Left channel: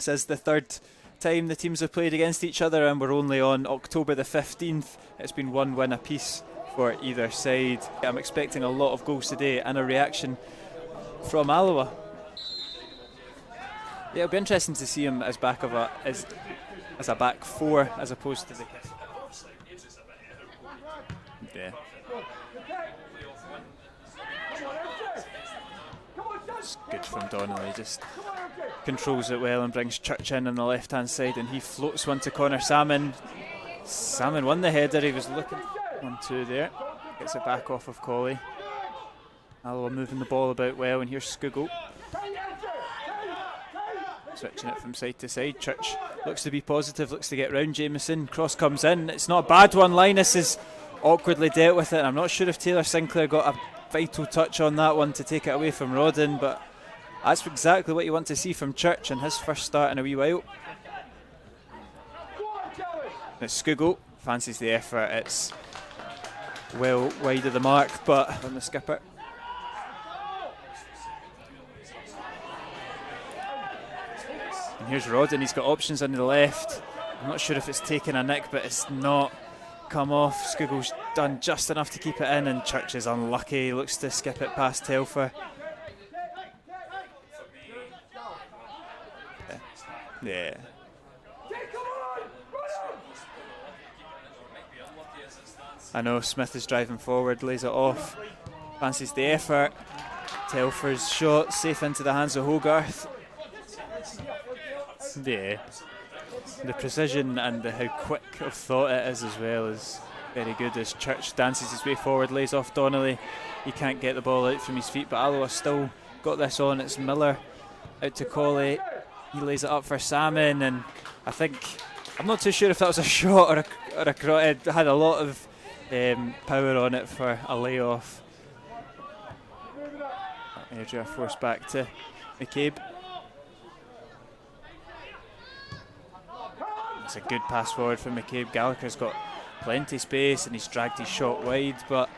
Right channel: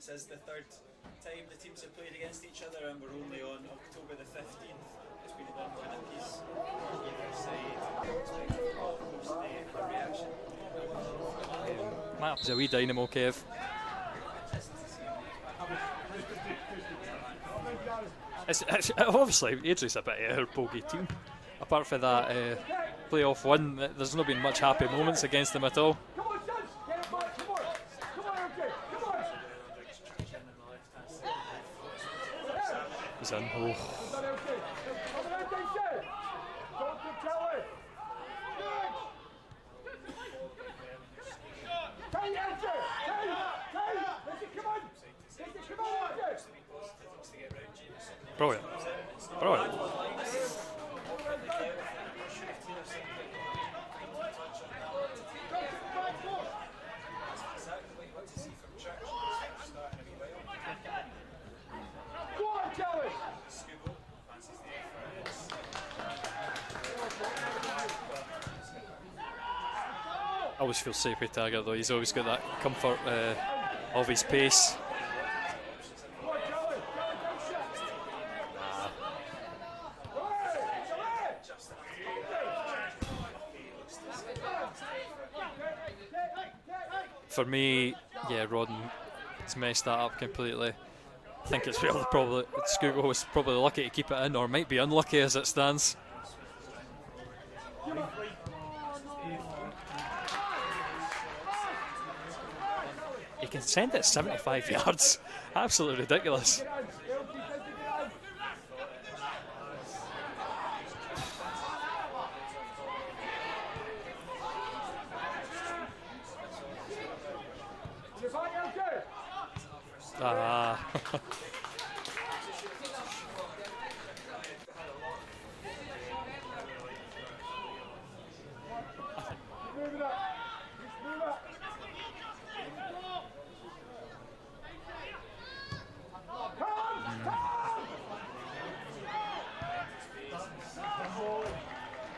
This is the third time the teams have played against each other, and we're only on October the 15th. It's been one win apiece for either side. I'm expecting a lot of goals today and a reaction from Alloa. It's a wee dynamo, Kev. Yeah, it'll be interesting to see him as as a back four as opposed to... Obviously, Airdrie's a bit of our bogey team. Yeah. Apart from that playoff win, there's not been much happy moments against them at all. It's good from Donnelly, just controls it well and brings Church in on the left hand side, and he floats one to Connor Salmon. Salmon won the header, he was looking 1-2 there. Gets it back off of Colley. Alloa moving the ball about well, and here's Skugel. Switching it from side to side. Church looks to be positive, looks to get round Jameson. Cross comes in, it's not a bad one. Linus has awkwardly dealt with it, and I'm not sure if Taylor Sinclair got a vital touch on that one to take it away from Rodden, but that's exactly what you want to see from Church in his first start in a wee while. It's Skugel, fancies the effort, it's well wide of the mark, but on the skipper. I always feel safe with Tiger though, he's always got that comfort of his pace. And here's Rodden, he's got options on the left. I'm not sure if it's taken a nick, but it's not come off. Skugel's done just enough to keep it in, and Church is unlucky, he looks to skip it past Telfer. For me, yeah, Rodden has messed that up completely. Yeah. I think it's really probably Skugel was probably lucky to keep it in, or might be unlucky as it stands. I know Smith is driving forward, lays it off, fancies the effort. Telfer's shot safe into the hands of Hogarth. He can send it 75 yards. Yeah. Absolutely ridiculous. The precision and how quick of thought it is as well is very good as Church dances his way forward, lays off Donnelly. He can't get the ball out from his feet, but Alloa still got this on. It's Miller out to Colley. He lays it up for Salmon, and I think, I'm not too sure if that was a shot or a cross. It had a lot of power on it for a layoff. Airdrie forced back to McCabe. It's a good pass forward from McCabe. Gallagher's got plenty of space and he's dragged his shot wide, but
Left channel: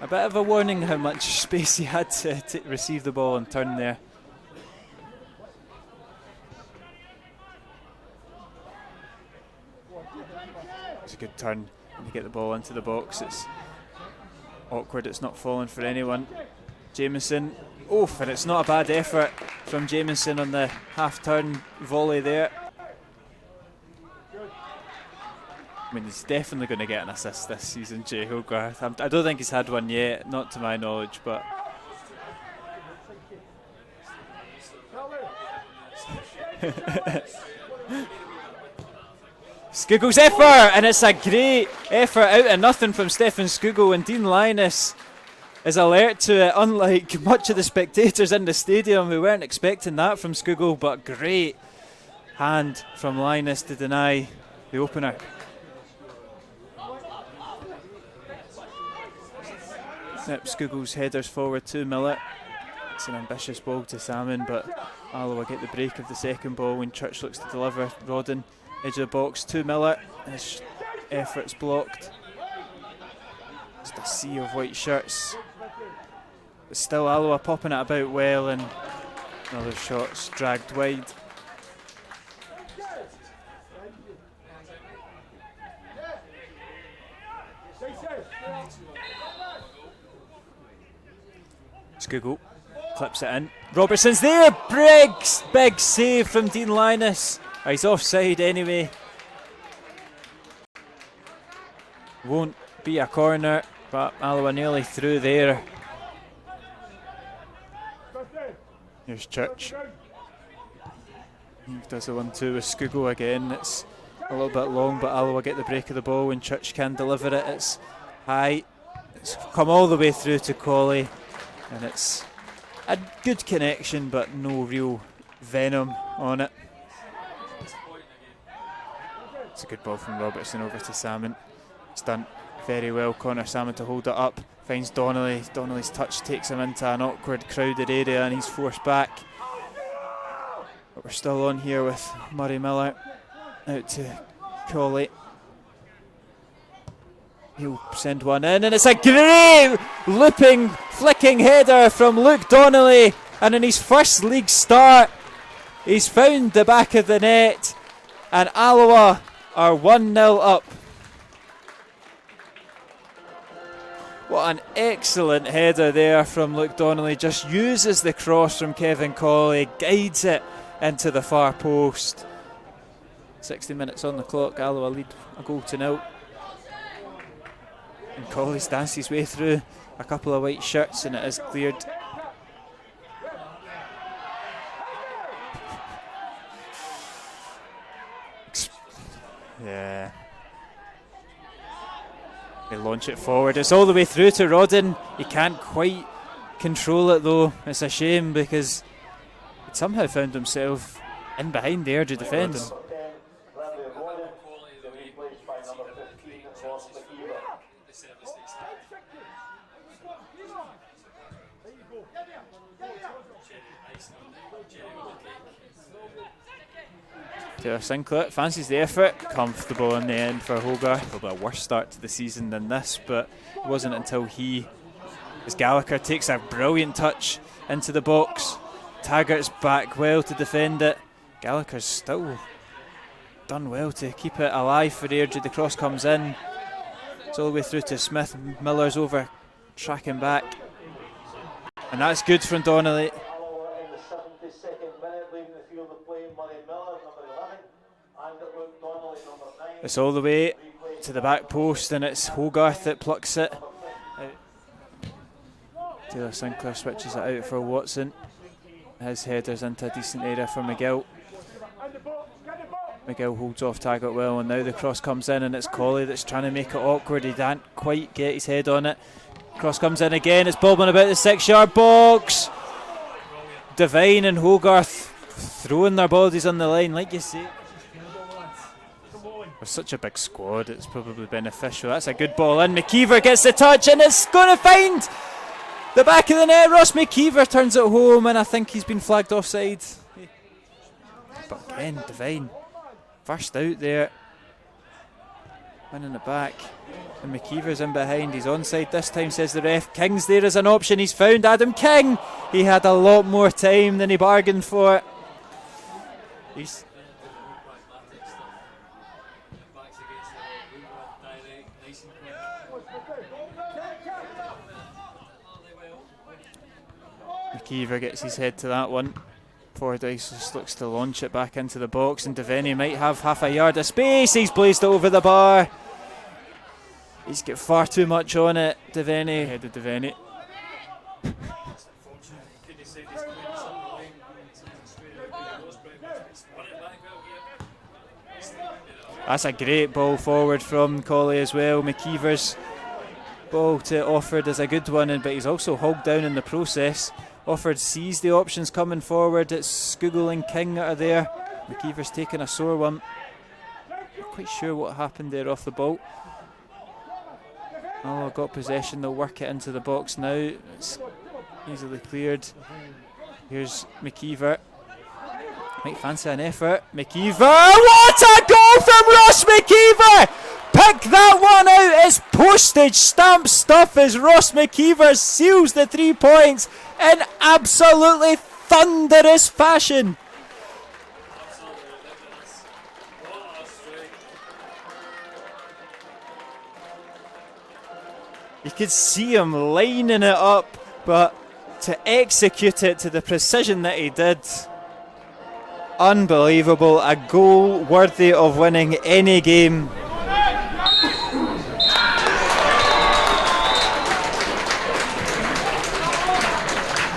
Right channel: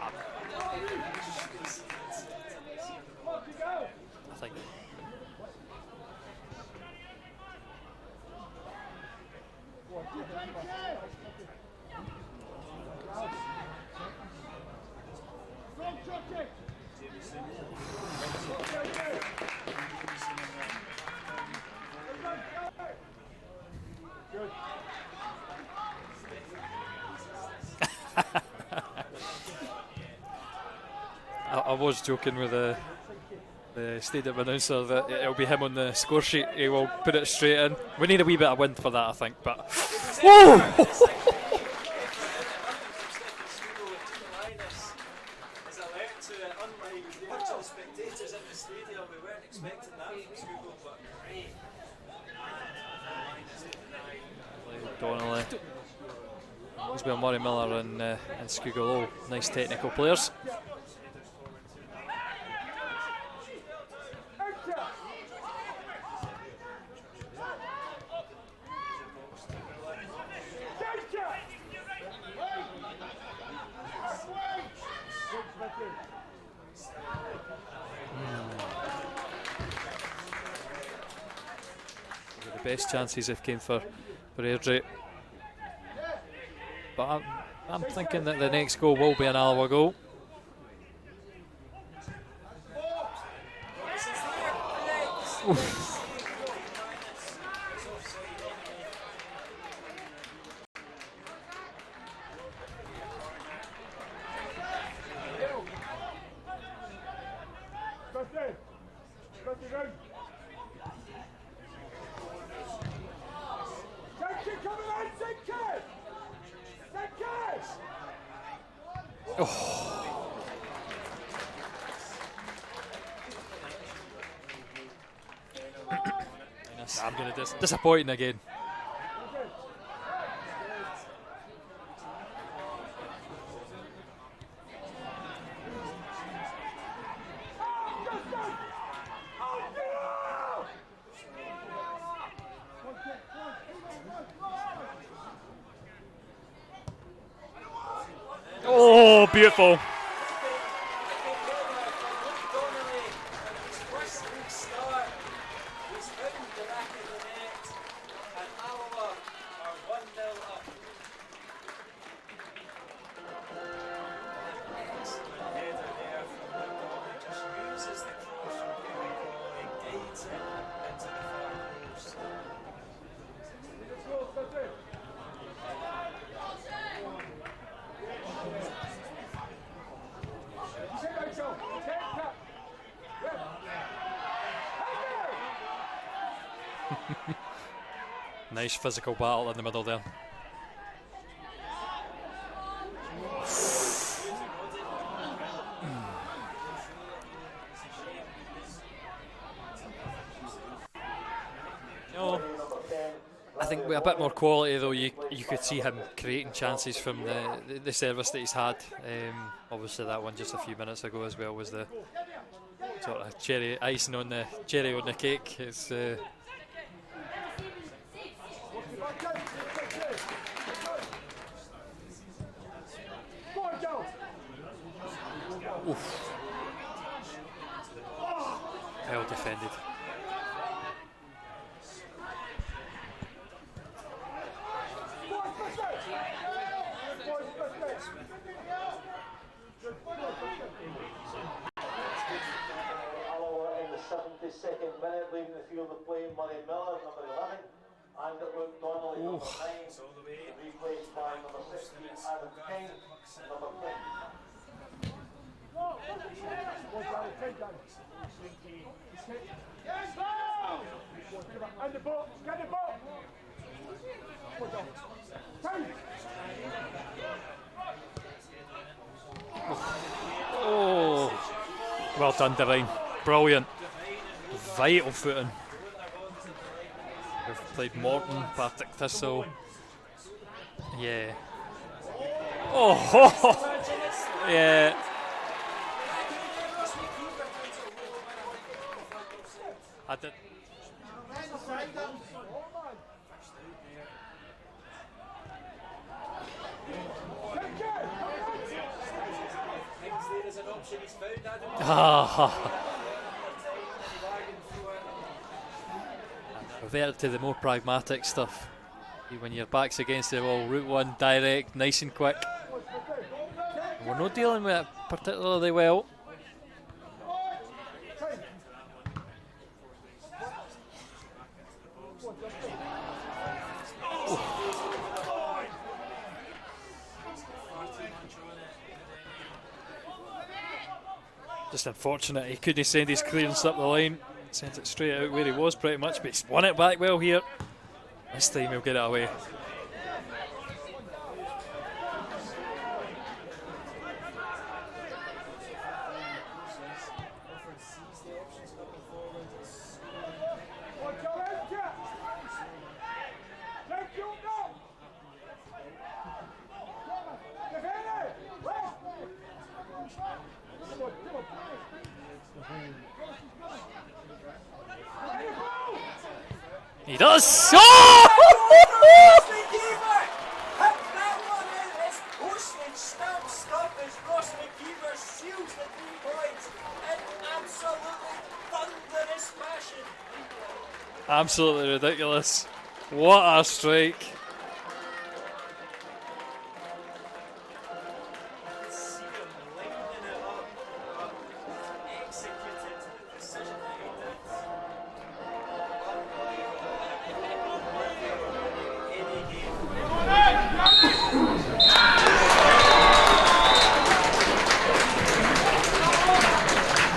a bit of a warning how much space he had to receive the ball and turn there. It's a good turn when you get the ball into the box. It's awkward, it's not falling for anyone. Jameson, oof, and it's not a bad effort from Jameson on the half-turn volley there. I mean, he's definitely going to get an assist this season, Jay Hogarth. I don't think he's had one yet, not to my knowledge, but... I was joking with the stadium announcer that it'll be him on the score sheet, he will put it straight in. We need a wee bit of wind for that, I think, but... Skugel's effort, and it's a great effort out of nothing from Stefan Skugel, and Dean Linus is alert to it, unlike much of the spectators in the stadium who weren't expecting that from Skugel, but great hand from Linus to deny the opener. He's got Murray Miller and Skugel, nice technical players. Yep, Skugel's headers forward to Miller. It's an ambitious ball to Salmon, but Alloa get the break of the second ball when Church looks to deliver. Rodden, edge of the box to Miller. His effort's blocked. Just a sea of white shirts. But still Alloa popping it about well, and another shot's dragged wide. Best chances have came for Airdrie. But I'm thinking that the next goal will be an Alloa goal. Skugel clips it in. Robertson's there. Big save from Dean Linus. He's offside anyway. Won't be a corner, but Alloa nearly through there. Here's Church. Does a 1-2 with Skugel again. It's a little bit long, but Alloa get the break of the ball when Church can deliver it. It's high. It's come all the way through to Colley, and it's a good connection, but no real venom on it. Disappointing again. It's a good ball from Robertson over to Salmon. It's done very well. Connor Salmon to hold it up. Finds Donnelly. Donnelly's touch takes him into an awkward, crowded area, and he's forced back. But we're still on here with Murray Miller out to Colley. He'll send one in, and it's a great looping, flicking header from Luke Donnelly, and in his first league start He's found the back of the net, and Alloa are 1-0 up. What an excellent header there from Luke Donnelly. Just uses the cross from Kevin Colley, guides it into the far post. 60 minutes on the clock, Alloa lead a goal to 0. And Colley danced his way through a couple of white shirts and it is cleared. Nice physical battle in the middle there. They launch it forward. It's all the way through to Rodden. He can't quite control it though. It's a shame because he somehow found himself in behind the Airdrie defence. I think with a bit more quality though, you could see him creating chances from the service that he's had. Obviously that one just a few minutes ago as well was the sort of cherry on the cake. It's Taylor Sinclair fancies the effort, comfortable in the end for Hogarth. Probably a worse start to the season than this, but it wasn't until as Gallagher takes a brilliant touch into the box. Taggart's back well to defend it. Gallagher's still done well to keep it alive for Airdrie. The cross comes in. It's all the way through to Smith. Miller's over, tracking back. And that's good from Donnelly. It's all the way to the back post and it's Hogarth that plucks it. Taylor Sinclair switches it out for Watson. His header's into a decent area for McGill. McGill holds off Taggart well, and now the cross comes in and it's Colley that's trying to make it awkward. He can't quite get his head on it. Cross comes in again, it's bobbing about the 6-yard box. Well done, Devine. Brilliant. Devine and Hogarth throwing their bodies on the line, like you say. Played Morton, Partick Thistle. With such a big squad, it's probably beneficial. That's a good ball in. McKeever gets the touch and it's going to find the back of the net. Ross McKeever turns it home, and I think he's been flagged offside. But again, Devine first out there, and in the back, and McKeever's in behind. He's onside this time, says the ref. King's there as an option. He's found Adam King. He had a lot more time than he bargained for. He's reverted to the more pragmatic stuff. When your back's against the wall, route one, direct, nice and quick. We're not dealing with it particularly well. McKeever gets his head to that one. Fordyce just looks to launch it back into the box, and Devaney might have half a yard of space. He's blazed it over the bar. He's got far too much on it. Devaney, headed Devaney. Just unfortunate he couldn't send his clearance up the line. Sent it straight out where he was pretty much, but he's won it back well here. This time he'll get it away. That's a great ball forward from Colley as well. McKeever's ball to Offord is a good one, but he's also hogged down in the process. Offord sees the options coming forward. It's Skugel and King that are there. McKeever's taking a sore one. Not quite sure what happened there off the ball. Oh, got possession. They'll work it into the box now. It's easily cleared. Here's McKeever. Might fancy an effort. McKeever. What a goal from Ross McKeever! Pick that one out. It's postage stamp stuff as Ross McKeever seals the 3 points in absolutely thunderous fashion. Absolutely ridiculous. What a strike. You could see him lining it up, but to execute it to the precision that he did, unbelievable. A goal worthy of winning any game.